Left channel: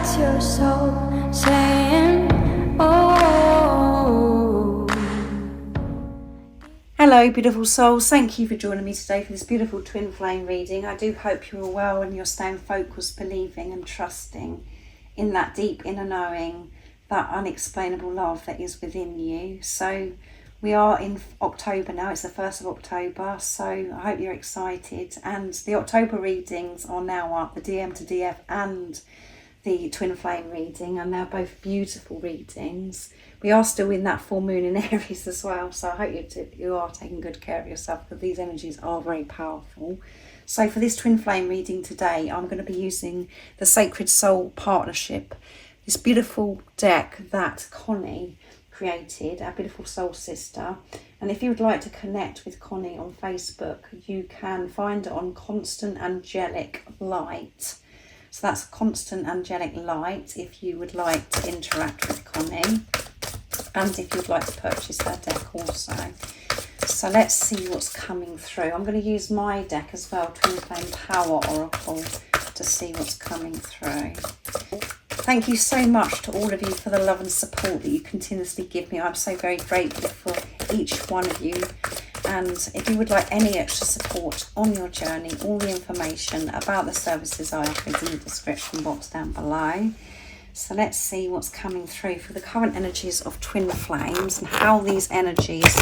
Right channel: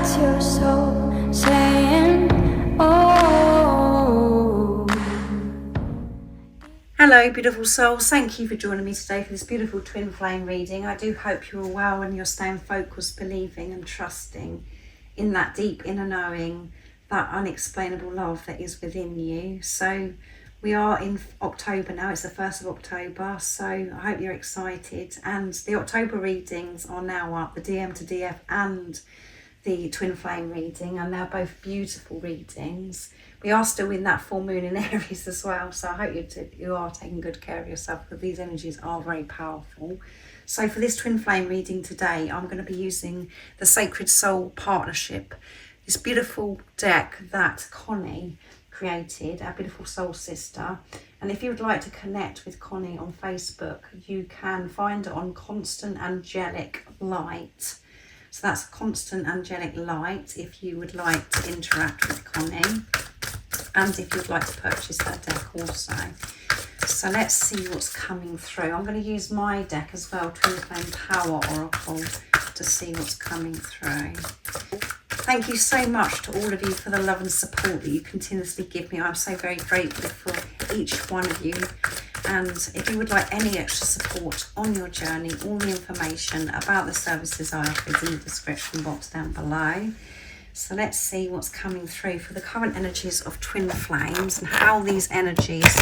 That's your soul saying, oh. Hello beautiful souls, thank you for joining me today for this beautiful twin flame reading. I do hope you're well and you're staying focused, believing and trusting in that deep inner knowing, that unexplainable love that is within you. So we are in October now, it's the 1st of October, so I hope you're excited. And the October readings are now up, the DM to DF and the twin flame reading, and they're both beautiful readings. We are still in that full moon in Aries as well, so I hope you are taking good care of yourself, because these energies are very powerful. So for this twin flame reading today, I'm going to be using the Sacred Soul Partnership, this beautiful deck that Connie created, our beautiful soul sister. And if you would like to connect with Connie on Facebook, you can find it on Constant Angelic Light. So that's Constant Angelic Light if you would like to interact with Connie, and if you'd like to purchase her deck also. So let's see what's coming through. I'm going to use my deck as well, Twin Flame Power Oracle, to see what's coming through. Thank you so much to all of you for the love and support that you continuously give me. I'm so very grateful for each one of you. And if you would like any extra support on your journey, all the information about the services I offer is in the description box down below. So let's see what's coming through for the current energies of twin flames and how these energies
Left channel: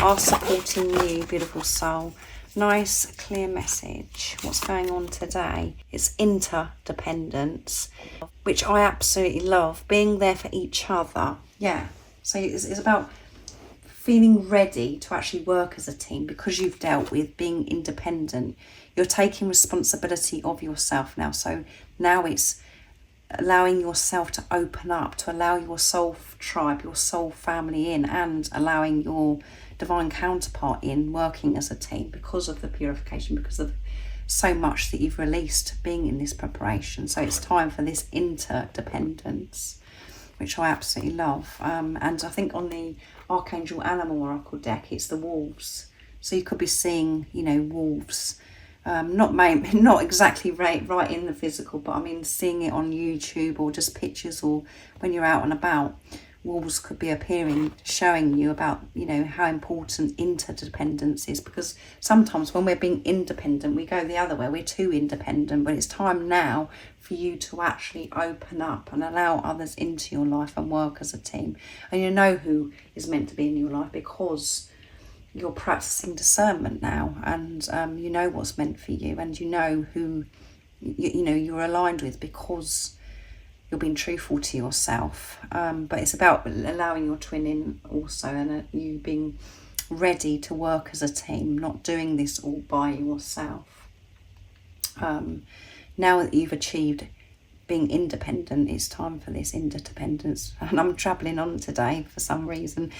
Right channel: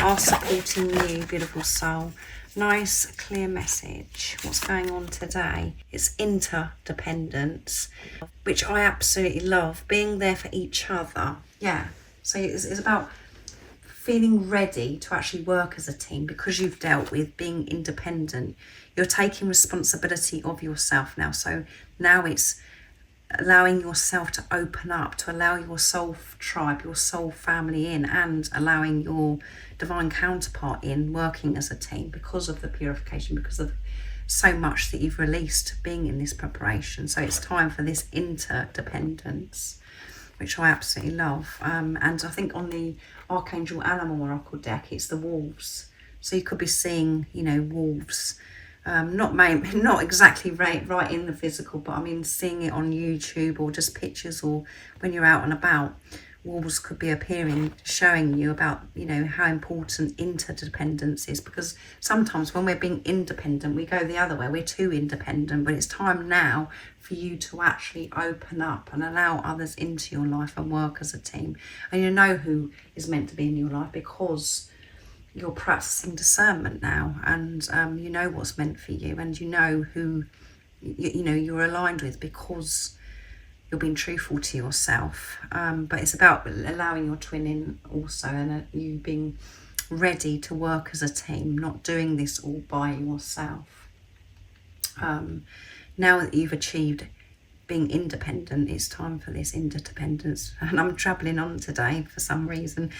are supporting you, beautiful soul. Nice, clear message. What's going on today? It's interdependence, which I absolutely love. Being there for each other. Yeah, so it's about feeling ready to actually work as a team, because you've dealt with being independent. You're taking responsibility of yourself now. So now it's allowing yourself to open up, to allow your soul tribe, your soul family in, and allowing your divine counterpart in, working as a team because of the purification, because of so much that you've released being in this preparation. So it's time for this interdependence, which I absolutely love. And I think on the Archangel Animal Oracle deck, it's the wolves. So you could be seeing, you know, wolves, not exactly right in the physical, but I mean seeing it on YouTube or just pictures, or when you're out and about, wolves could be appearing, showing you about, you know, how important interdependence is. Because sometimes when we're being independent, we go the other way, we're too independent. But it's time now for you to actually open up and allow others into your life and work as a team. And you know who is meant to be in your life, because you're practicing discernment now, and you know what's meant for you, and you know who you know you're aligned with, because you're being truthful to yourself. But it's about allowing your twin in also, and you being ready to work as a team, not doing this all by yourself. Now that you've achieved being independent, it's time for this interdependence. And I'm travelling on today for some reason.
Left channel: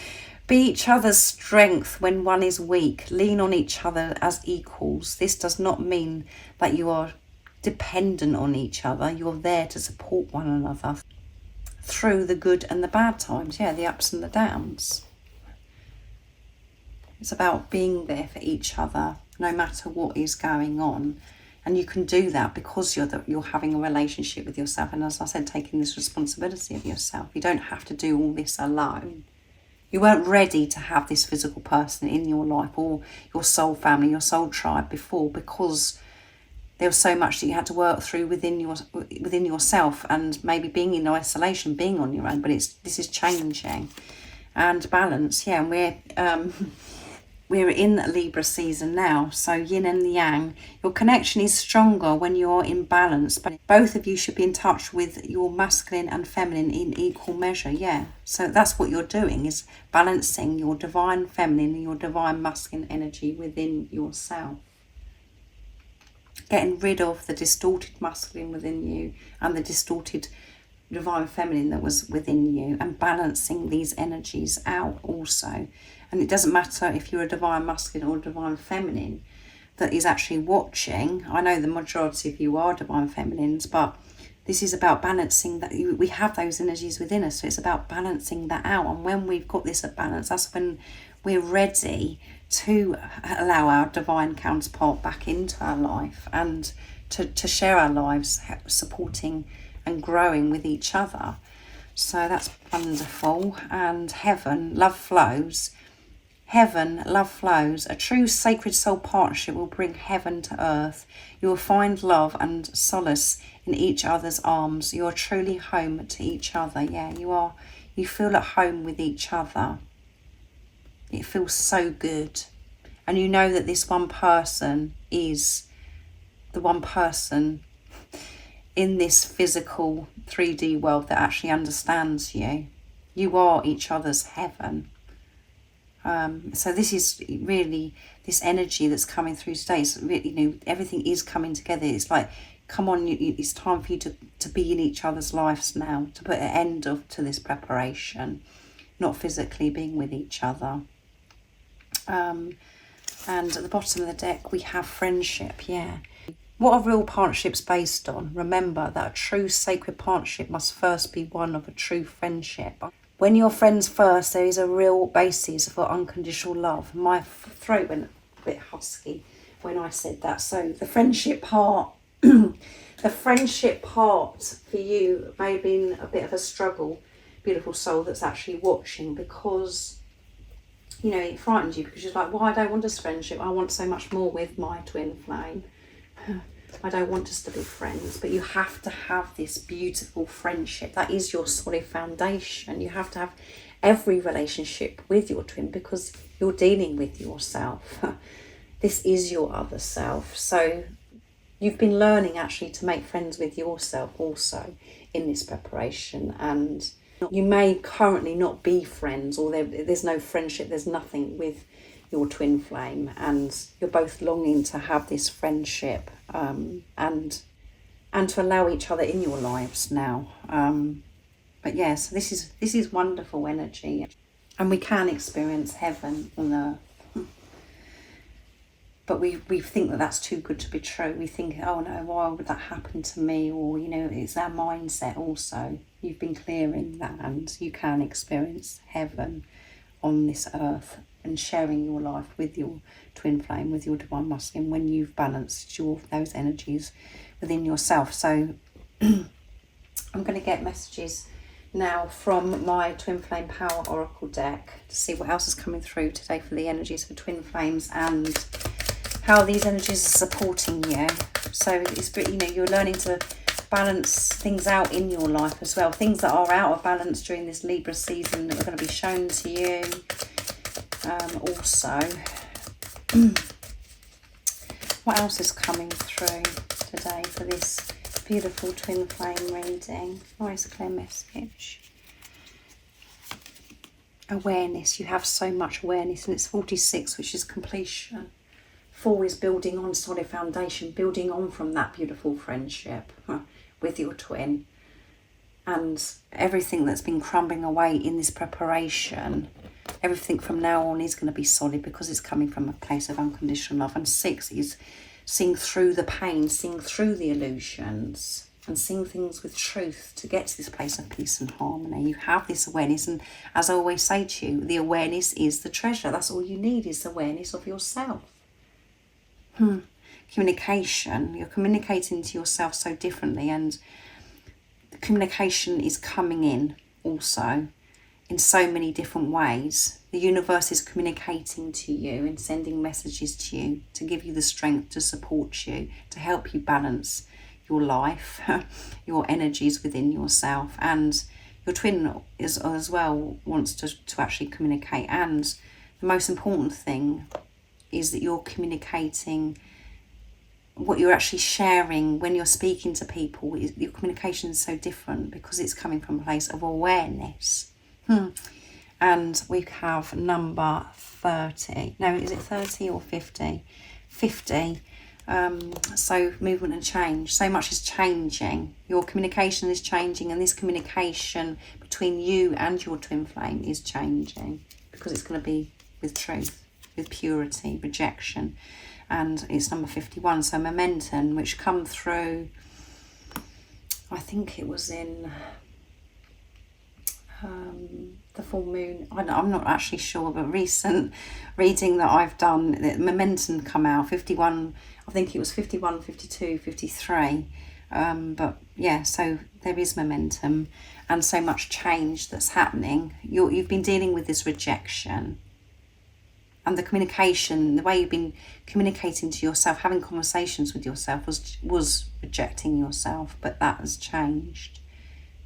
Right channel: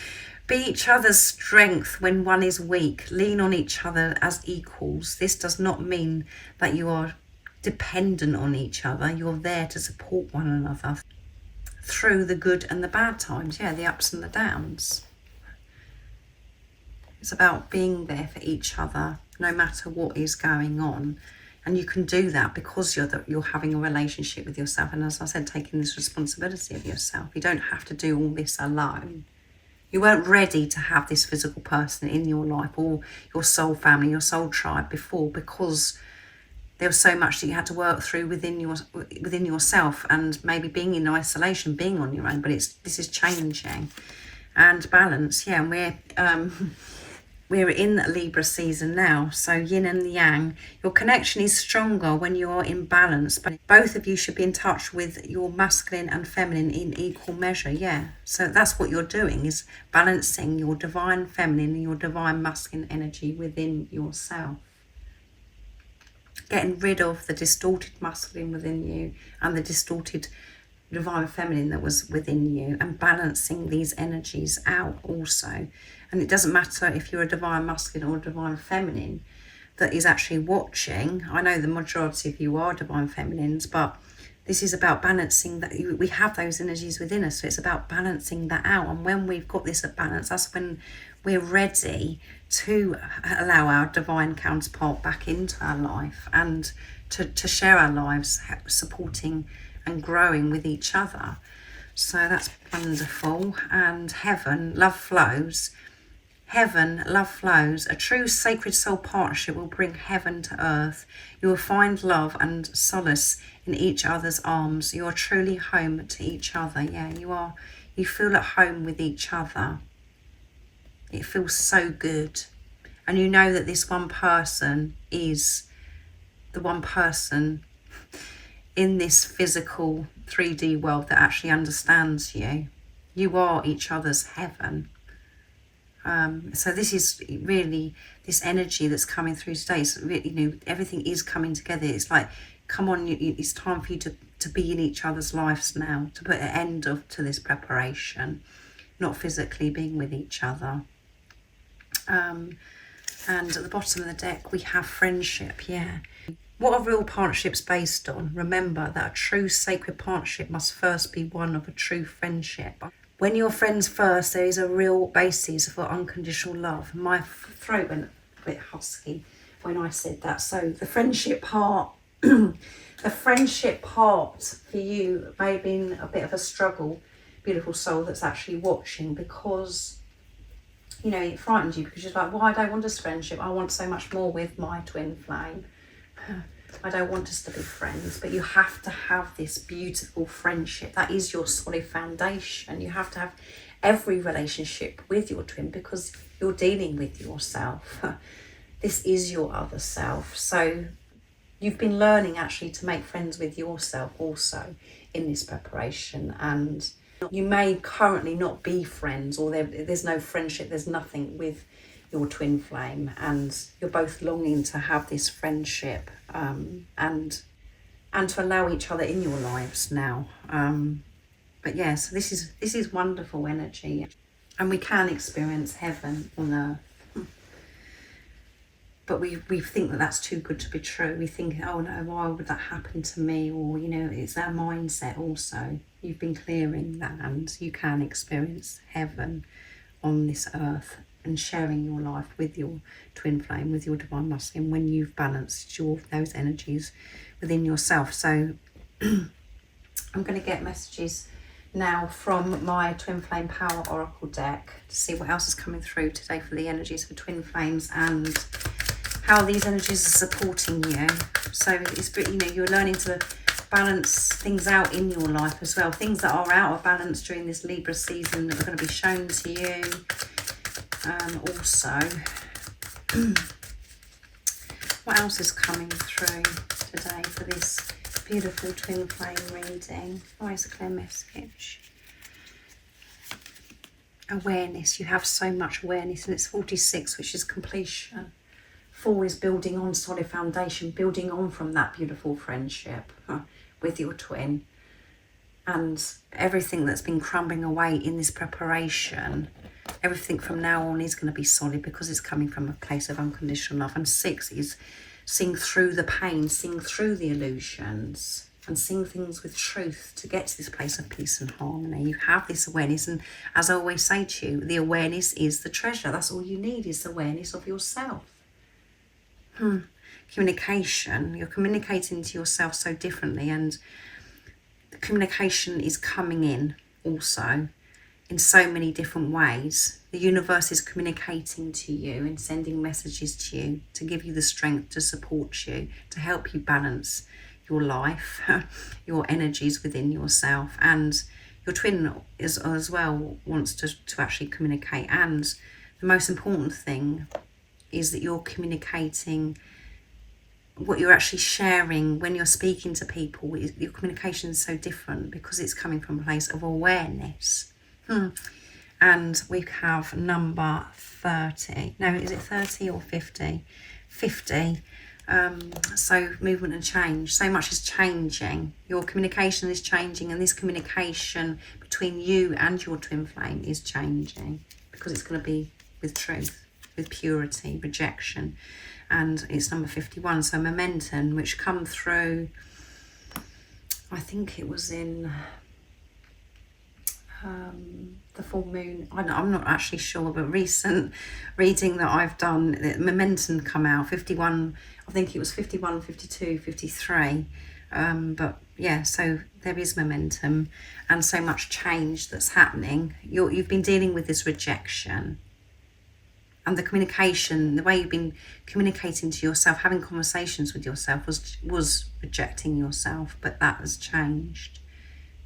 Be each other's strength when one is weak. Lean on each other as equals. This does not mean that you are dependent on each other. You're there to support one another through the good and the bad times. Yeah, the ups and the downs. It's about being there for each other no matter what is going on. And you can do that because you're having a relationship with yourself. And as I said, taking this responsibility of yourself. You don't have to do all this alone. You weren't ready to have this physical person in your life, or your soul family, your soul tribe before, because there was so much that you had to work through within yourself, and maybe being in isolation, being on your own. But this is changing, and balance. Yeah, and we're in Libra season now, so yin and yang. Your connection is stronger when you're in balance, but both of you should be in touch with your masculine and feminine in equal measure. Yeah, so that's what you're doing, is balancing your divine feminine and your divine masculine energy within yourself. Getting rid of the distorted masculine within you and the distorted divine feminine that was within you, and balancing these energies out also. And it doesn't matter if you're a divine masculine or a divine feminine that is actually watching. I know the majority of you are divine feminines, but this is about balancing that. We have those energies within us, so it's about balancing that out. And when we've got this at balance, that's when we're ready to allow our divine counterpart back into our life, and to share our lives, supporting and growing with each other. So that's wonderful. And heaven, love flows. Heaven, love flows. A true sacred soul partnership will bring heaven to earth. You will find love and solace in each other's arms. You are truly home to each other. Yeah, you are. You feel at home with each other. It feels so good. And you know that this one person is the one person in this physical 3D world that actually understands you. You are each other's heaven. So this is really this energy that's coming through today. It's really, everything is coming together. It's like, come on, it's time for you to be in each other's lives now, to put an end to this preparation, not physically being with each other. And at the bottom of the deck, we have friendship. Yeah. What are real partnerships based on? Remember that a true sacred partnership must first be one of a true friendship. When you're friends first, there is a real basis for unconditional love. My throat went a bit husky when I said that. So the friendship part, the friendship part for you may have been a bit of a struggle, beautiful soul that's actually watching, because it frightens you, because you're like, well, I don't want this friendship. I want so much more with my twin flame. I don't want us to be friends, but you have to have this beautiful friendship. That is your solid foundation. You have to have every relationship with your twin, because you're dealing with yourself. This is your other self. So you've been learning actually to make friends with yourself also in this preparation. And you may currently not be friends, or there's no friendship, there's nothing with your twin flame, and you're both longing to have this friendship and to allow each other in your lives now. But yes, this is wonderful energy, and we can experience heaven on earth. But we think that that's too good to be true. We think, oh no, why would that happen to me? Or, it's our mindset also. You've been clearing that, and you can experience heaven on this earth and sharing your life with your twin flame, with your divine masculine, when you've balanced those energies within yourself. So I'm going to get messages now from my Twin Flame Power Oracle deck to see what else is coming through today for the energies for twin flames and how these energies are supporting you. So it's you're learning to balance things out in your life as well. Things that are out of balance during this Libra season that are going to be shown to you. Also, what else is coming through today for this beautiful twin flame reading? Always a clear message. Awareness. You have so much awareness, and it's 46, which is completion. 4 is building on solid foundation, building on from that beautiful friendship with your twin, and everything that's been crumbling away in this preparation. Everything from now on is going to be solid, because it's coming from a place of unconditional love. And 6 is seeing through the pain, seeing through the illusions, and seeing things with truth to get to this place of peace and harmony. You have this awareness, and as I always say to you, the awareness is the treasure. That's all you need, is awareness of yourself. Communication. You're communicating to yourself so differently, and the communication is coming in also in so many different ways. The universe is communicating to you and sending messages to you to give you the strength to support you, to help you balance your life, your energies within yourself. And your twin is as well wants to actually communicate. And the most important thing is that you're communicating what you're actually sharing when you're speaking to people. Your communication is so different because it's coming from a place of awareness. And we have number 30. No, is it 30 or 50? 50. So movement and change. So much is changing. Your communication is changing, and this communication between you and your twin flame is changing, because it's going to be with truth, with purity, rejection. And it's number 51. So momentum, which come through, I think it was in the full moon. I'm not actually sure, but recent reading that I've done, the momentum come out 51. I think it was 51, 52, 53. But yeah, so there is momentum and so much change that's happening. You've been dealing with this rejection, and the communication, the way you've been communicating to yourself, having conversations with yourself was rejecting yourself, but that has changed.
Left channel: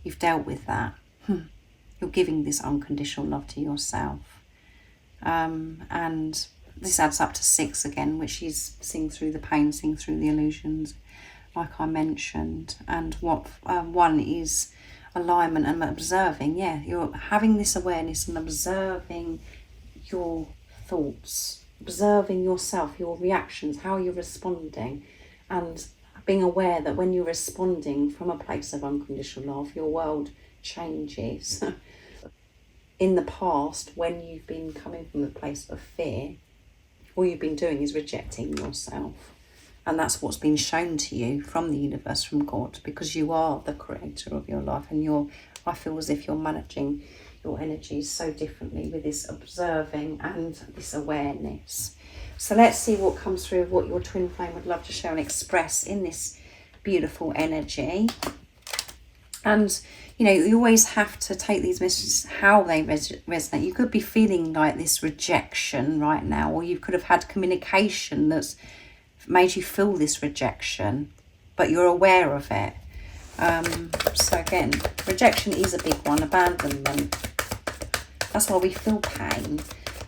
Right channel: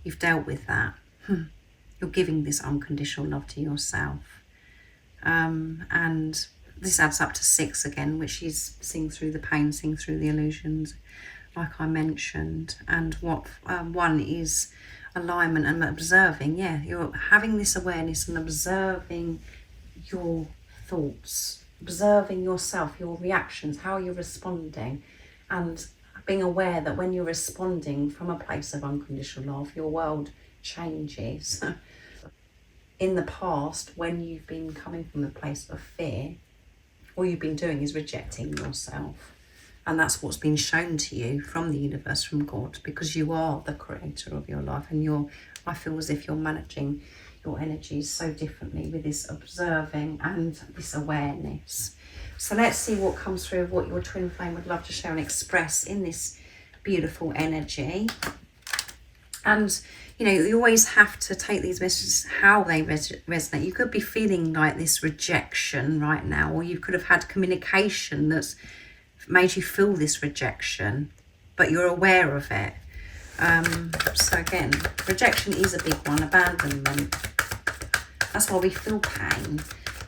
You've dealt with that. You're giving this unconditional love to yourself. And this adds up to 6 again, which is seeing through the pain, seeing through the illusions, like I mentioned. And what 1 is alignment and observing. Yeah, you're having this awareness and observing your thoughts, observing yourself, your reactions, how you're responding, and being aware that when you're responding from a place of unconditional love, your world changes. In the past, when you've been coming from the place of fear, all you've been doing is rejecting yourself. And that's what's been shown to you from the universe, from God, because you are the creator of your life, and I feel as if you're managing your energies so differently with this observing and this awareness. So let's see what comes through of what your twin flame would love to share and express in this beautiful energy. And you know, you always have to take these messages how they resonate. You could be feeling like this rejection right now, or you could have had communication that's made you feel this rejection, but you're aware of it. So again, rejection is a big one, abandonment. That's why we feel pain.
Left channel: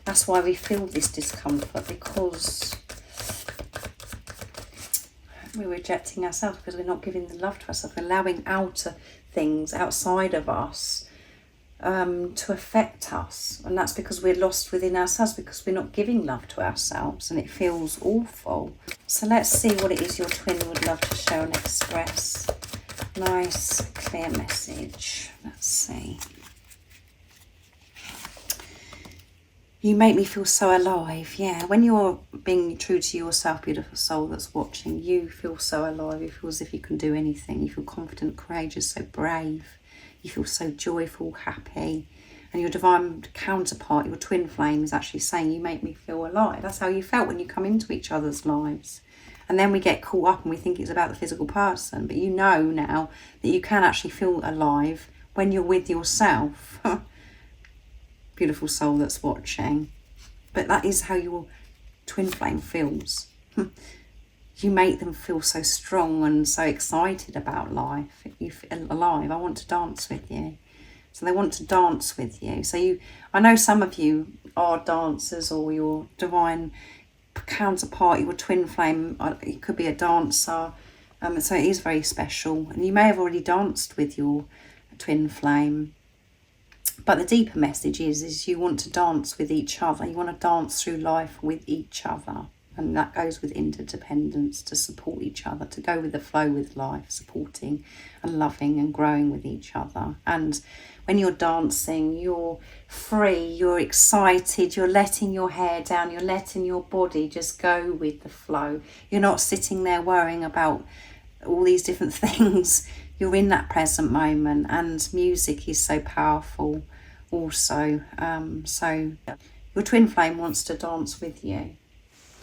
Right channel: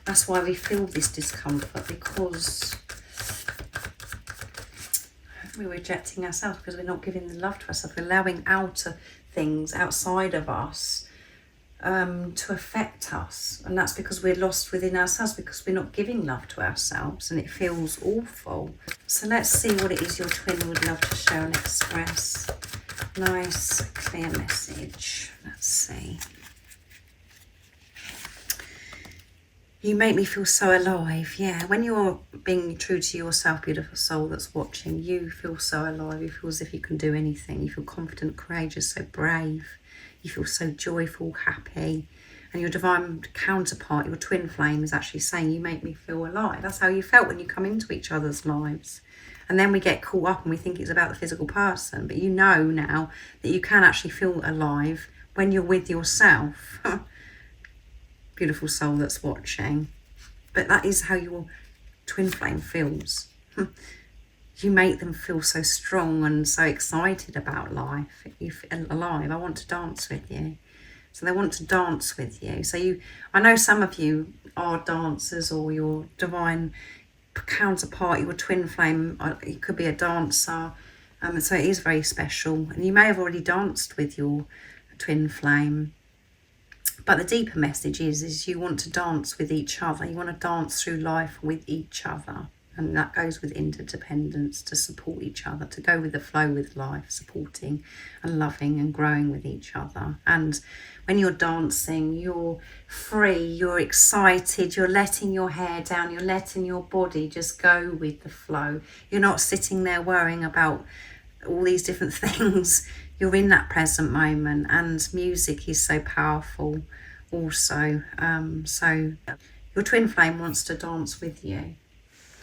That's why we feel this discomfort, because we're rejecting ourselves, because we're not giving the love to ourselves. We're allowing outer things outside of us to affect us. And that's because we're lost within ourselves, because we're not giving love to ourselves, and it feels awful. So let's see what it is your twin would love to show and express. Nice, clear message. Let's see. You make me feel so alive. Yeah, when you're being true to yourself, beautiful soul that's watching, you feel so alive. You feel as if you can do anything. You feel confident, courageous, so brave. You feel so joyful, happy. And your divine counterpart, your twin flame, is actually saying, you make me feel alive. That's how you felt when you come into each other's lives. And then we get caught up and we think it's about the physical person. But you know now that you can actually feel alive when you're with yourself. Beautiful soul that's watching. But that is how your twin flame feels. You make them feel so strong and so excited about life. You feel alive. I want to dance with you. So they want to dance with you. So I know some of you are dancers, or your divine counterpart, your twin flame, it could be a dancer. So it is very special. And you may have already danced with your twin flame. But the deeper message is you want to dance with each other. You want to dance through life with each other. And that goes with interdependence, to support each other, to go with the flow with life, supporting and loving and growing with each other. And when you're dancing, you're free, you're excited, you're letting your hair down, you're letting your body just go with the flow. You're not sitting there worrying about all these different things. You're in that present moment, and music is so powerful also. So your twin flame wants to dance with you,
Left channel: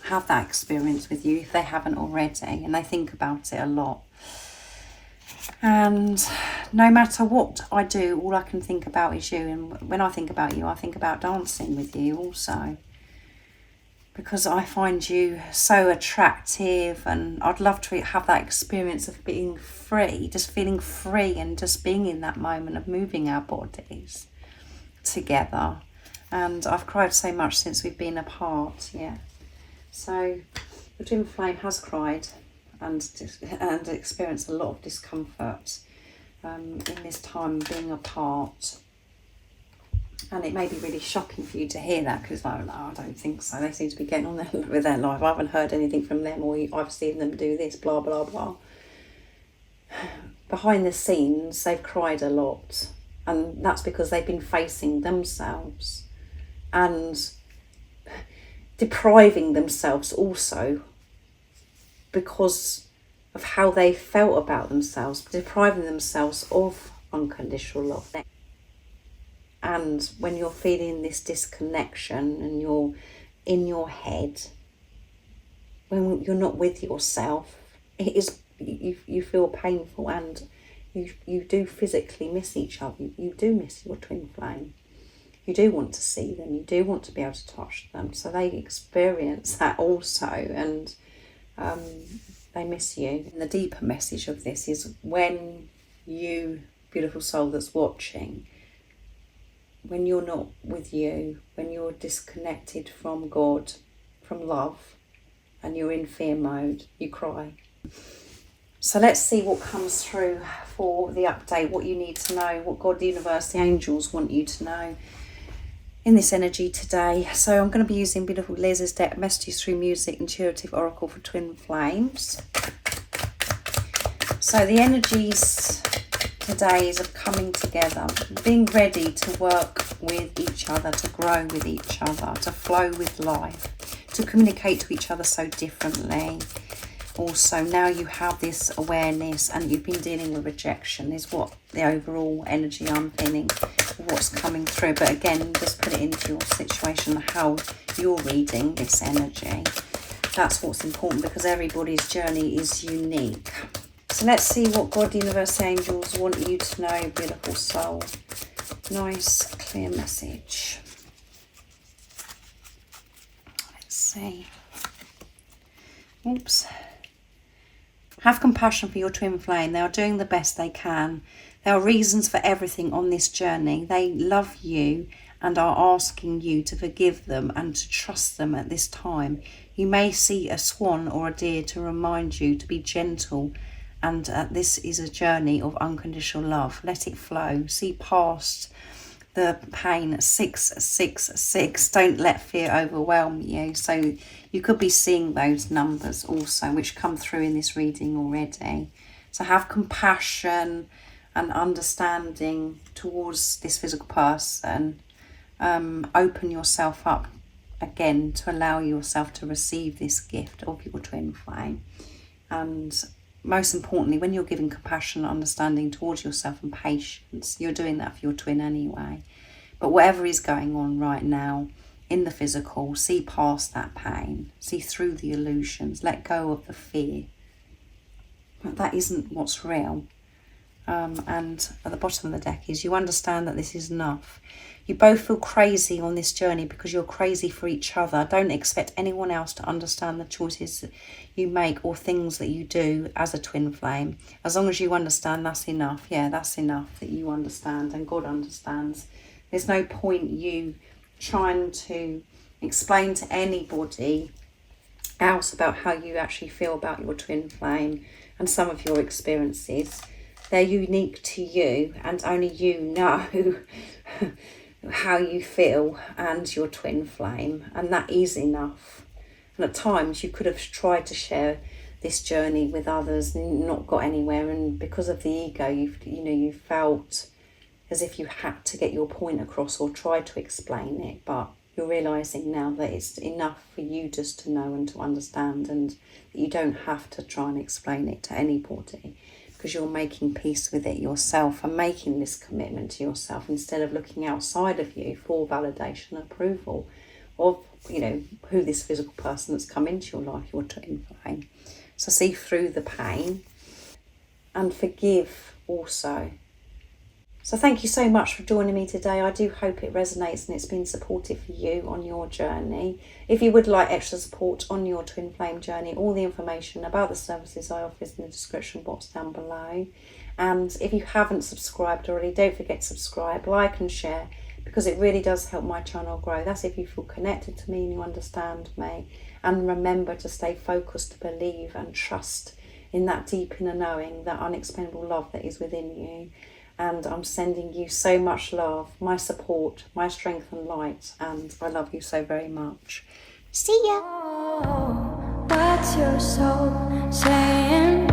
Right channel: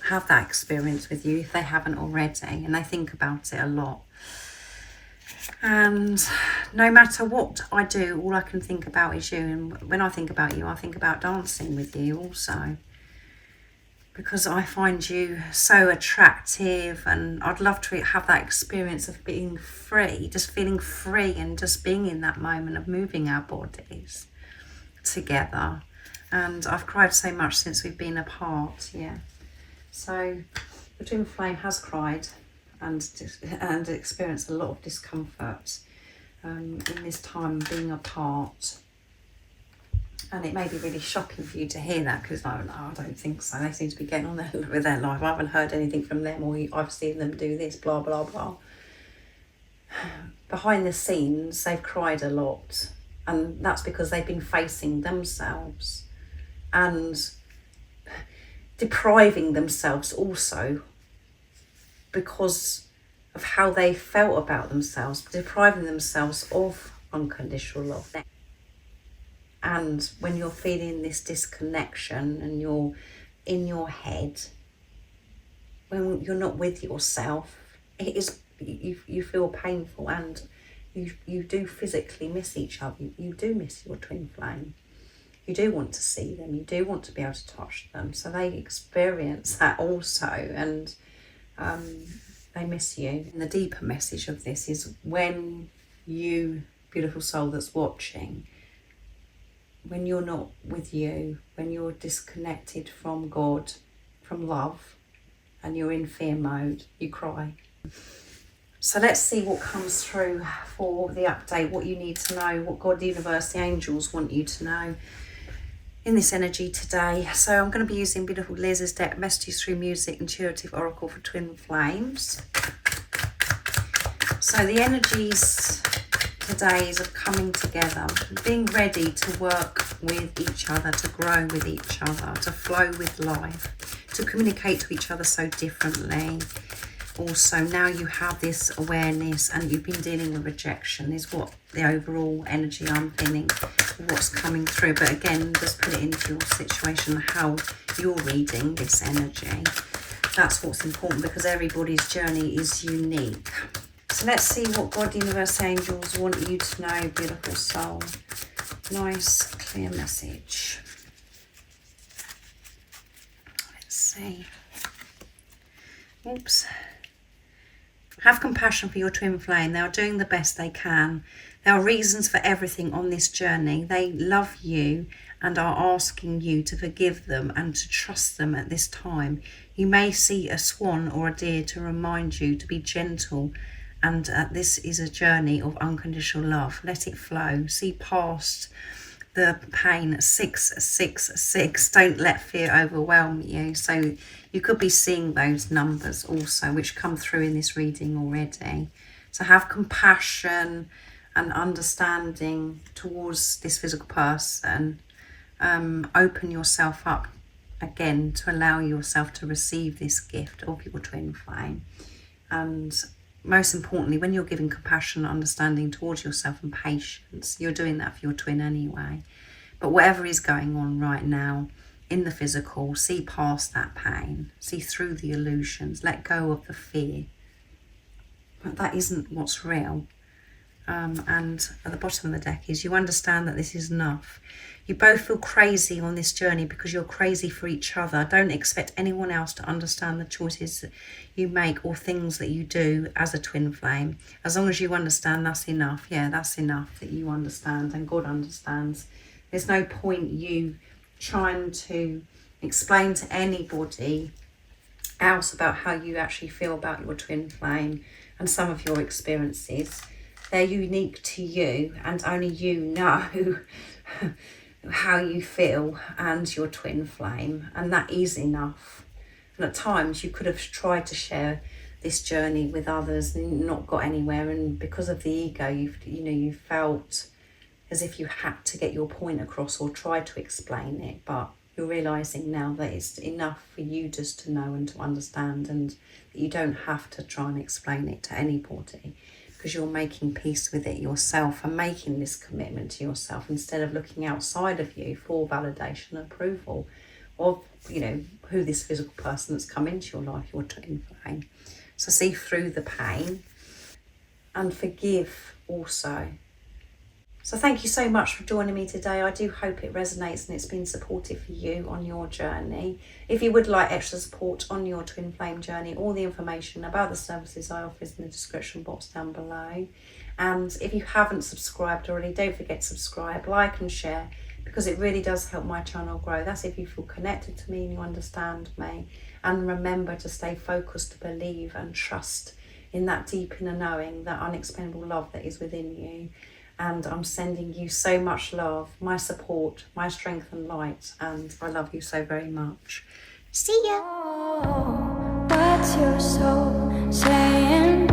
have that experience with you if they haven't already, and they think about it a lot. And no matter what I do, all I can think about is you. And when I think about you, I think about dancing with you also, because I find you so attractive, and I'd love to have that experience of being free, just feeling free, and just being in that moment of moving our bodies together. And I've cried so much since we've been apart. Yeah. So the twin flame has cried and experienced a lot of discomfort in this time being apart. And it may be really shocking for you to hear that, because no, I don't think so. They seem to be getting on with their life. I haven't heard anything from them, or I've seen them do this, blah, blah, blah. Behind the scenes, they've cried a lot. And that's because they've been facing themselves and depriving themselves also, because of how they felt about themselves, depriving themselves of unconditional love. And when you're feeling this disconnection and you're in your head, when you're not with yourself, it is you feel painful, and you do physically miss each other. You do miss your twin flame. You do want to see them. You do want to be able to touch them. So they experience that also, and they miss you. And the deeper message of this is, when you, beautiful soul that's watching, when you're not with you, when you're disconnected from God, from love, and you're in fear mode, you cry. So let's see what comes through for the update, what you need to know, what God, the universe, the angels want you to know in this energy today. So I'm going to be using beautiful Liz's deck, Messages Through Music, Intuitive Oracle for Twin Flames. So the energies today is of coming together, being ready to work with each other, to grow with each other, to flow with life, to communicate to each other so differently. Also, now you have this awareness, and you've been dealing with rejection, is what the overall energy I'm feeling, what's coming through. But again, just put it into your situation, how you're reading this energy. That's what's important, because everybody's journey is unique. So let's see what God, universe, angels want you to know, beautiful soul. Nice, clear message. Let's see. Oops. Have compassion for your twin flame. They are doing the best they can. There are reasons for everything on this journey. They love you and are asking you to forgive them and to trust them at this time. You may see a swan or a deer to remind you to be gentle, and this is a journey of unconditional love. Let it flow. See past the pain. 666. Don't let fear overwhelm you. So you could be seeing those numbers also, which come through in this reading already. So have compassion and understanding towards this physical person. Open yourself up again to allow yourself to receive this gift of your twin flame. And most importantly, when you're giving compassion and understanding towards yourself and patience, you're doing that for your twin anyway. But whatever is going on right now in the physical, see past that pain, see through the illusions, let go of the fear. But that isn't what's real. And at the bottom of the deck is, you understand that this is enough. You both feel crazy on this journey because you're crazy for each other. Don't expect anyone else to understand the choices that you make or things that you do as a twin flame. As long as you understand, that's enough. Yeah, that's enough that you understand and God understands. There's no point you trying to explain to anybody else about how you actually feel about your twin flame and some of your experiences. They're unique to you, and only you know how you feel and your twin flame, and that is enough. And at times you could have tried to share this journey with others and not got anywhere, and because of the ego, you felt as if you had to get your point across or try to explain it. But you're realizing now that it's enough for you just to know and to understand, and that you don't have to try and explain it to anybody, because you're making peace with it yourself and making this commitment to yourself instead of looking outside of you for validation and approval of, who this physical person that's come into your life, your twin flame. So see through the pain and forgive also. So thank you so much for joining me today. I do hope it resonates and it's been supportive for you on your journey. If you would like extra support on your twin flame journey, all the information about the services I offer is in the description box down below. And if you haven't subscribed already, don't forget to subscribe, like and share, because it really does help my channel grow. That's if you feel connected to me and you understand me. And remember to stay focused, to believe and trust in that deep inner knowing, that unexplainable love that is within you. And I'm sending you so much love, my support, my strength and light. And I love you so very much. See ya. Oh, what's your soul saying?